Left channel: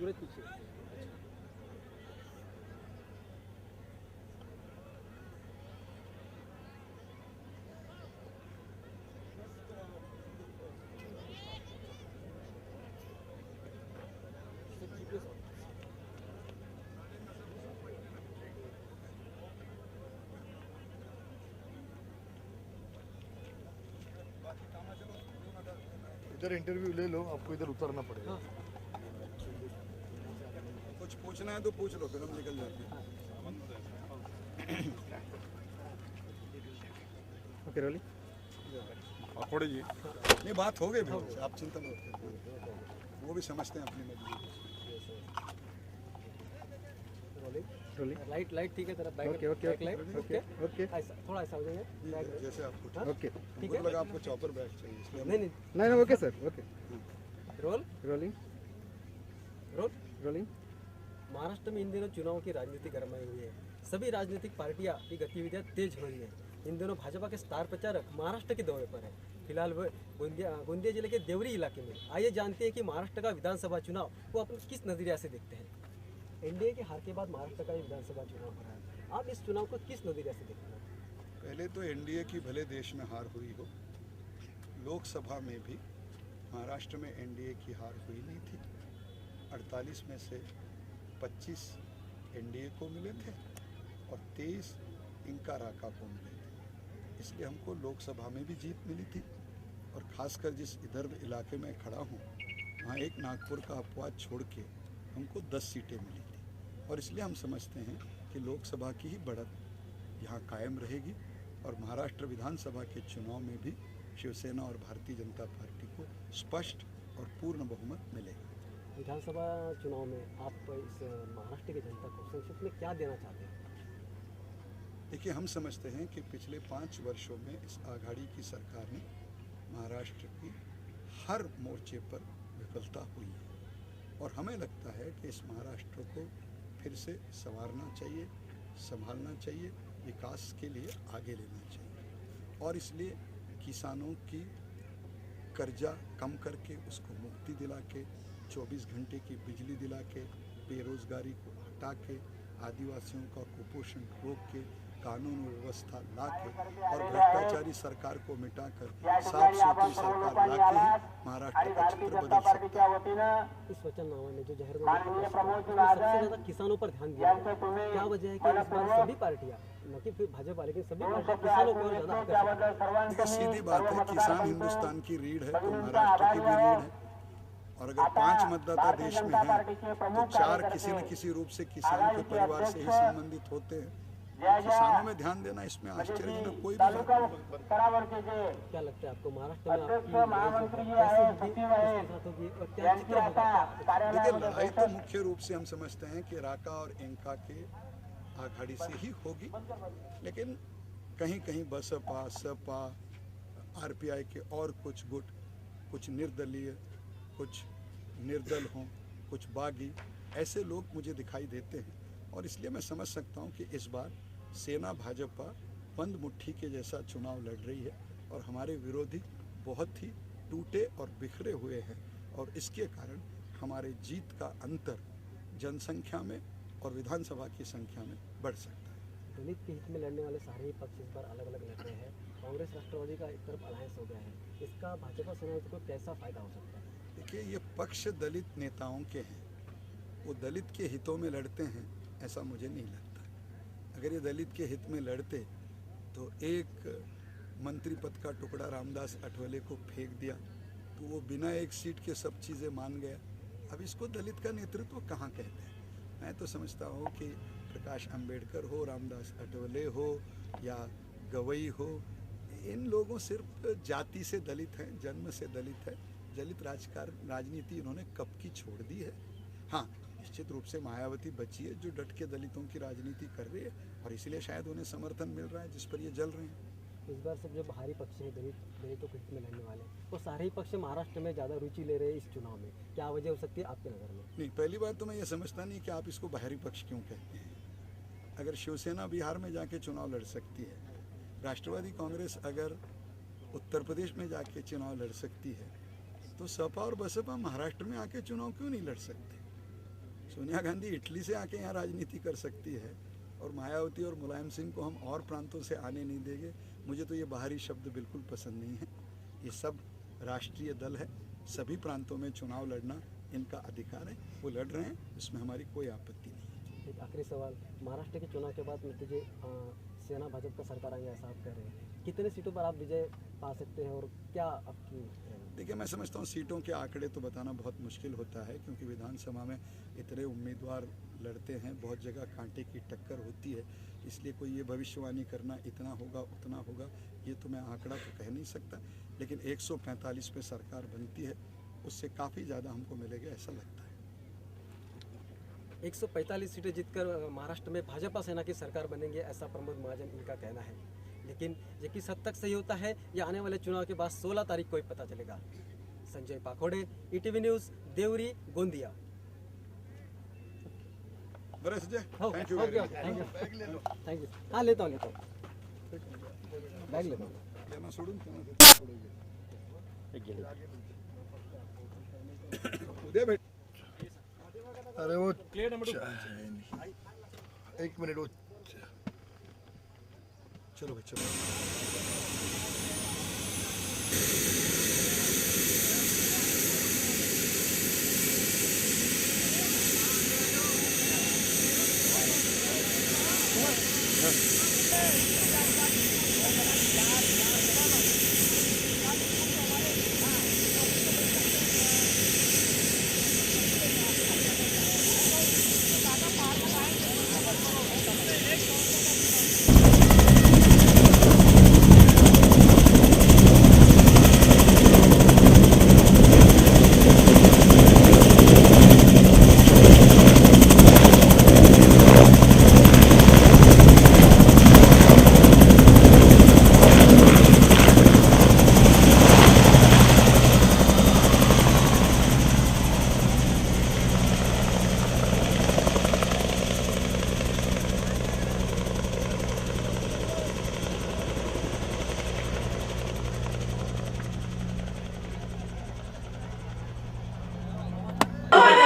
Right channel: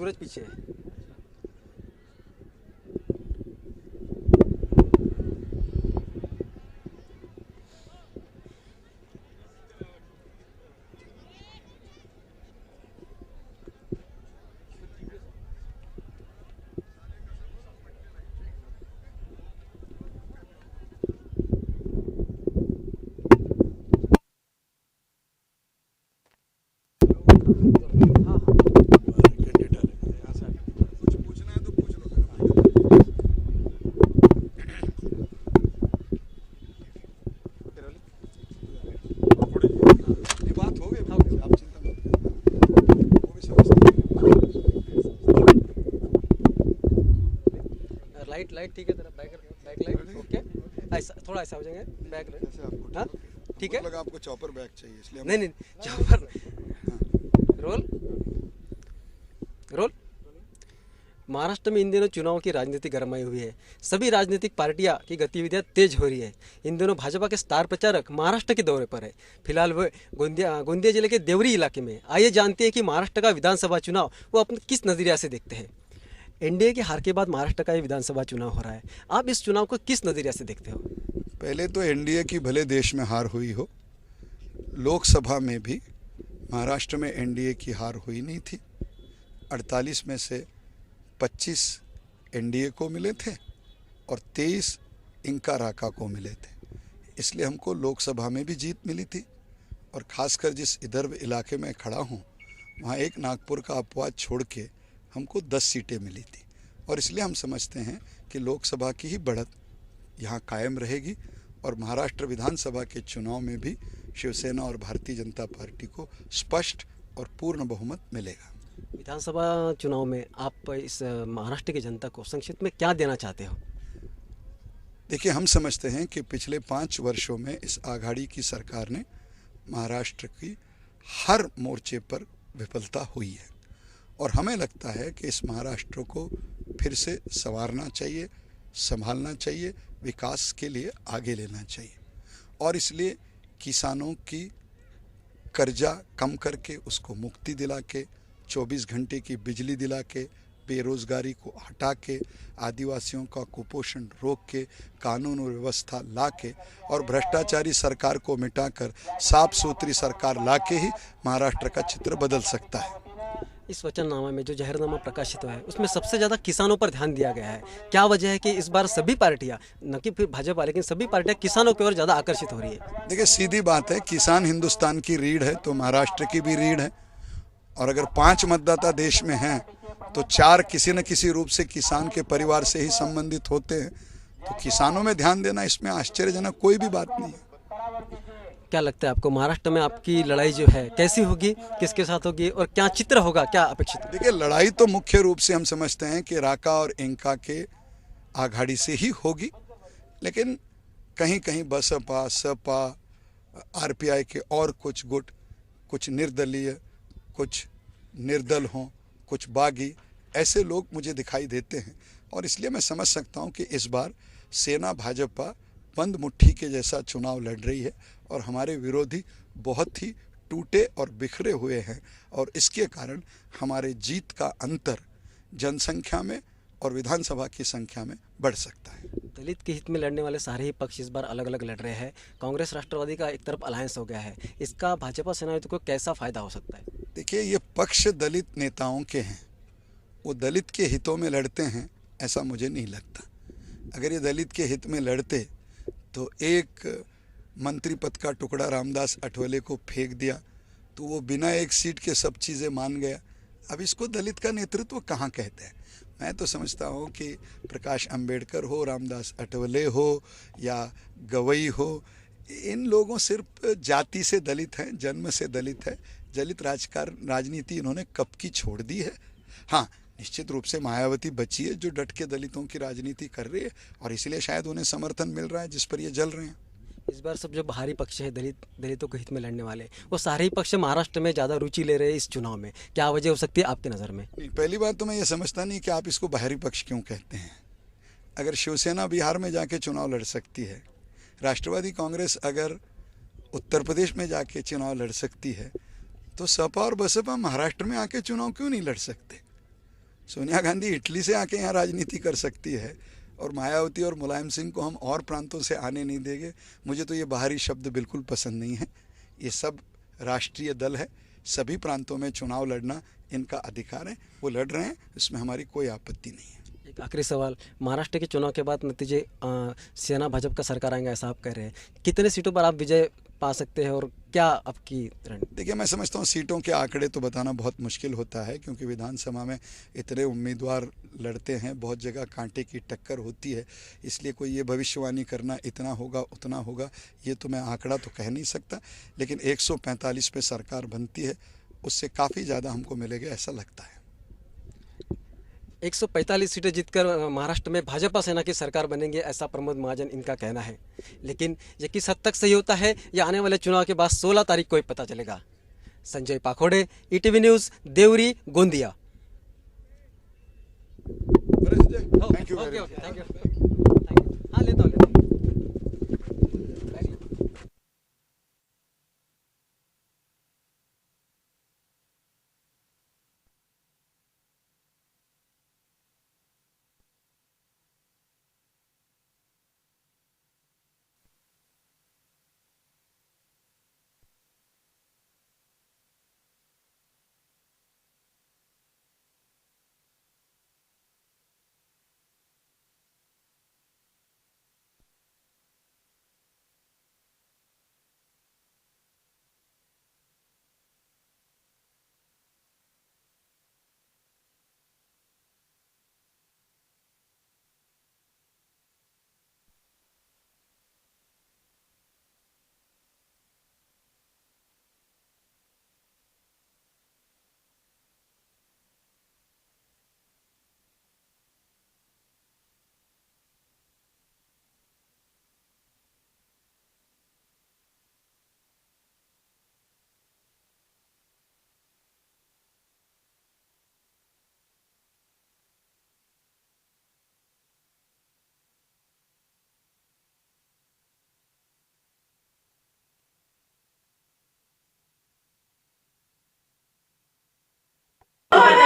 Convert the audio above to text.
सूरज पीछे है। इधर इंटरव्यू ले लो, हमको इधर उतरना पड़ेगा। कुछ पूछना है तो पूछ लो फिर हम ओके रोली। ये बात हो गई, आप चिंता मत करो, वो भी समझते हैं। लाइट लाइट ठीक है तेरा back. Okay, okay, back light okay okay. ऐसा थोड़ा ऐसा हो जाएगा बैक। जैसे आपको हाँ? ओके। ठीक है। लगा आपको चॉपर बैग चाहिए इसलिए नहीं नहीं नहीं okay sir, okay. Roll rolling roll. Rolling. Maharashtra में इन दिनों चुनाव की राजनीति गरमाई हुई है। सभी राजनीतिक पार्टियां की गतिविधियां तेज हो रही है। इन दिनों भाजपा के स्टार प्रचारक महाराष्ट्र के दौरे पर है। फिलहाल वो गोंदिया जिले के देवरी इलाके में। आइए जानते हैं कि महाराष्ट्र का विधानसभा चुनाव वो अपने किस नज़रिया से देखते हैं। एनडीए की हार के बाद महाराष्ट्र का ये विधानसभा चुनाव हो रहा है। आप इस चुनाव को किस नज़रिया से देखते हो? पहले तो एनडीए की भले देश में हार हुई हो, लोकसभा में भी महाराष्ट्र में एनडीए की हार हुई नहीं थी। 48 में से 25 एनडीए को मिले थे और 23 इंका राका को मिले थे। इसलिए हमको लोकसभा में भी जीत मिली थी। और ख़ासकर जिस विदर्भ इलाके में खड़ा हूँ, वहाँ एक नागपुर का अपवाद छोड़ के हमको 10 सीटें मिली थी। और इसलिए हम समझते हैं कि लोकसभा की ही बढ़त यहाँ कायम रहेगी और महाराष्ट्र विधानसभा के चुनाव में भी शिवसेना और भारतीय जनता पार्टी को स्पष्ट और पूर्ण बहुमत मिलेगा। विधानसभा चुनाव में आप इस महाराष्ट्र की जनता को संक्षिप्त में क्या देना चाहते हो? देखिए, हम समझते हैं कि पिछले 5 वर्षों में इस आघाड़ी की सरकार ने महाराष्ट्र की हर मोर्चे पर विफलता हुई है और हमें लगता है कि इस महाराष्ट्र को फिर से संवारना चाहिए, संभालना चाहिए, विकास के लिए आगे लेना चाहिए। और इसलिए किसानों की कर्जा कम करके उसको मुक्ति दिला के, 24 घंटे की बिजली दिला के, बेरोज़गारी को हटा के, आदिवासियों का कुपोषण रोक के, कानून और व्यवस्था ला के और भ्रष्टाचारी सरकार को मिटाकर साफ सुथरी सरकार ला के ही महाराष्ट्र का चित्र बदल सकता है। इस वचननामा में जो जहरनामा प्रकाशित हुआ है उसमें सबसे ज़्यादा किसानों पर ध्यान दिया गया है। क्या वजह है कि इस बार सभी पार्टियां, न कि फिर भाजपा, लेकिन सभी पार्टियां किसानों की ओर ज़्यादा आकर्षित हो रही है? देखिए, सीधी बात है, किसान हिंदुस्तान की रीढ़ है तो महाराष्ट्र की भी रीढ़ है। और अगर 5 मतदाता देश में हैं तो 4 किसी न किसी रूप से किसान के परिवार से ही संबंधित होते हैं। तो किसानों में ध्यान देना इसमें आश्चर्यजनक कोई भी बात नहीं है। क्या लगता है आपको महाराष्ट्र में आपकी लड़ाई जो है कैसी होगी, किसके साथ होगी और क्या चित्र होगा, क्या अपेक्षित है? देखिए, लड़ाई तो मुख्य रूप से हम समझते हैं कि राका और इंका के आघाड़ी से ही होगी, लेकिन कहीं कहीं बसपा, सपा, आरपीआई के और कुछ गुट, कुछ निर्दलीय, कुछ निर्दल हों, कुछ बागी, ऐसे लोग मुझे दिखाई देते हैं। और इसलिए मैं समझ सकता हूं कि इस बार सेना भाजपा बंद मुट्ठी के जैसा चुनाव लड़ रही है और हमारे विरोधी बहुत ही टूटे और बिखरे हुए हैं और इसके कारण हमारे जीत का अंतर जनसंख्या में और विधानसभा की संख्या में बढ़ सकता है। दलित के हित में लड़ने वाले सारे ही पक्ष इस बार अलग अलग लड़ रहे हैं। कांग्रेस राष्ट्रवादी का एक तरफ अलायंस हो गया है, इसका भाजपा सेना को कैसा फायदा हो सकता है? देखिए, ये पक्ष दलित नेताओं के हैं, वो दलित के हितों में लड़ते हैं ऐसा मुझे नहीं लगता। अगर ये दलित के हित में लड़ते तो एक मंत्री पद का टुकड़ा रामदास अठवले को फेंक दिया तो वो बिना एक सीट के सब चीज़ें मान गया। अब इसको दलित का नेतृत्व कहाँ कहते हैं? मैं तो समझता हूँ कि प्रकाश अंबेडकर हो, रामदास अठवले हो या गवई हो, इन लोगों सिर्फ जाति से दलित हैं, जन्म से दलित है। दलित राजनीति इन्होंने कब की छोड़ दी है। हाँ, निश्चित रूप से मायावती बची है जो डट के दलितों की राजनीति कर रही है और इसलिए शायद उन्हें समर्थन मिल रहा है जिस पर ये जल रहे हैं। इस बार सब जो बाहरी पक्ष है दलितों के हित में लड़ने वाले, वो सारे ही पक्ष महाराष्ट्र में ज़्यादा रुचि ले रहे हैं इस चुनाव में। क्या वजह हो सकती है आपकी नज़र में? पहली बात तो मैं ये समझता नहीं कि आप इसको बाहरी पक्ष क्यों कहते हैं। अगर शिवसेना बिहार में जाके चुनाव लड़ सकती है, राष्ट्रवादी कांग्रेस अगर उत्तर प्रदेश में जाके चुनाव लड़ सकती है, तो सपा और बसपा महाराष्ट्र में आके चुनाव क्यों नहीं लड़ सकते? सोनिया गांधी इटली से आके यहाँ राजनीति कर सकती है और मायावती और मुलायम सिंह को हम और प्रांतों से आने नहीं देंगे। मुझे तो ये बाहरी शब्द बिल्कुल पसंद नहीं है। ये सब राष्ट्रीय दल है, सभी प्रांतों में चुनाव लड़ना इनका अधिकार है, वो लड़ रहे हैं, इसमें हमारी कोई आपत्ति नहीं है। एक आखिरी सवाल, महाराष्ट्र के चुनाव के बाद नतीजे सेना भाजपा का सरकार आएंगे ऐसा आप कह रहे हैं, कितने सीटों पर आप विजय पा सकते हैं और क्या आपकी रणनीति? देखिए, मैं समझता हूँ सीटों के आंकड़े तो बताना बहुत मुश्किल होता है, क्योंकि विधानसभा में इतने उम्मीदवार लड़ते हैं, बहुत जगह कांटे की टक्कर होती है, इसलिए कोई ये भविष्यवाणी करना इतना होगा उतना होगा ये तो मैं आंकड़ा तो कह नहीं सकता। लेकिन 145 पे सरकार बनती है, उससे काफ़ी ज़्यादा हमको मिलेगा ऐसा लगता है। 145 सीटें जीतकर महाराष्ट्र में भाजपा सेना की सरकार बनेंगे ऐसा प्रमोद महाजन इनका कहना है, लेकिन ये किस हद तक सही होता है ये आने वाले चुनाव के बाद 16 तारीख को ही पता चलेगा। Sanjay Pakhode, ETV news, Deori, Gondia. Thank you very much. हाँ लेता हूँ। अरे वो एक मिनट वो चलो भाई चलो।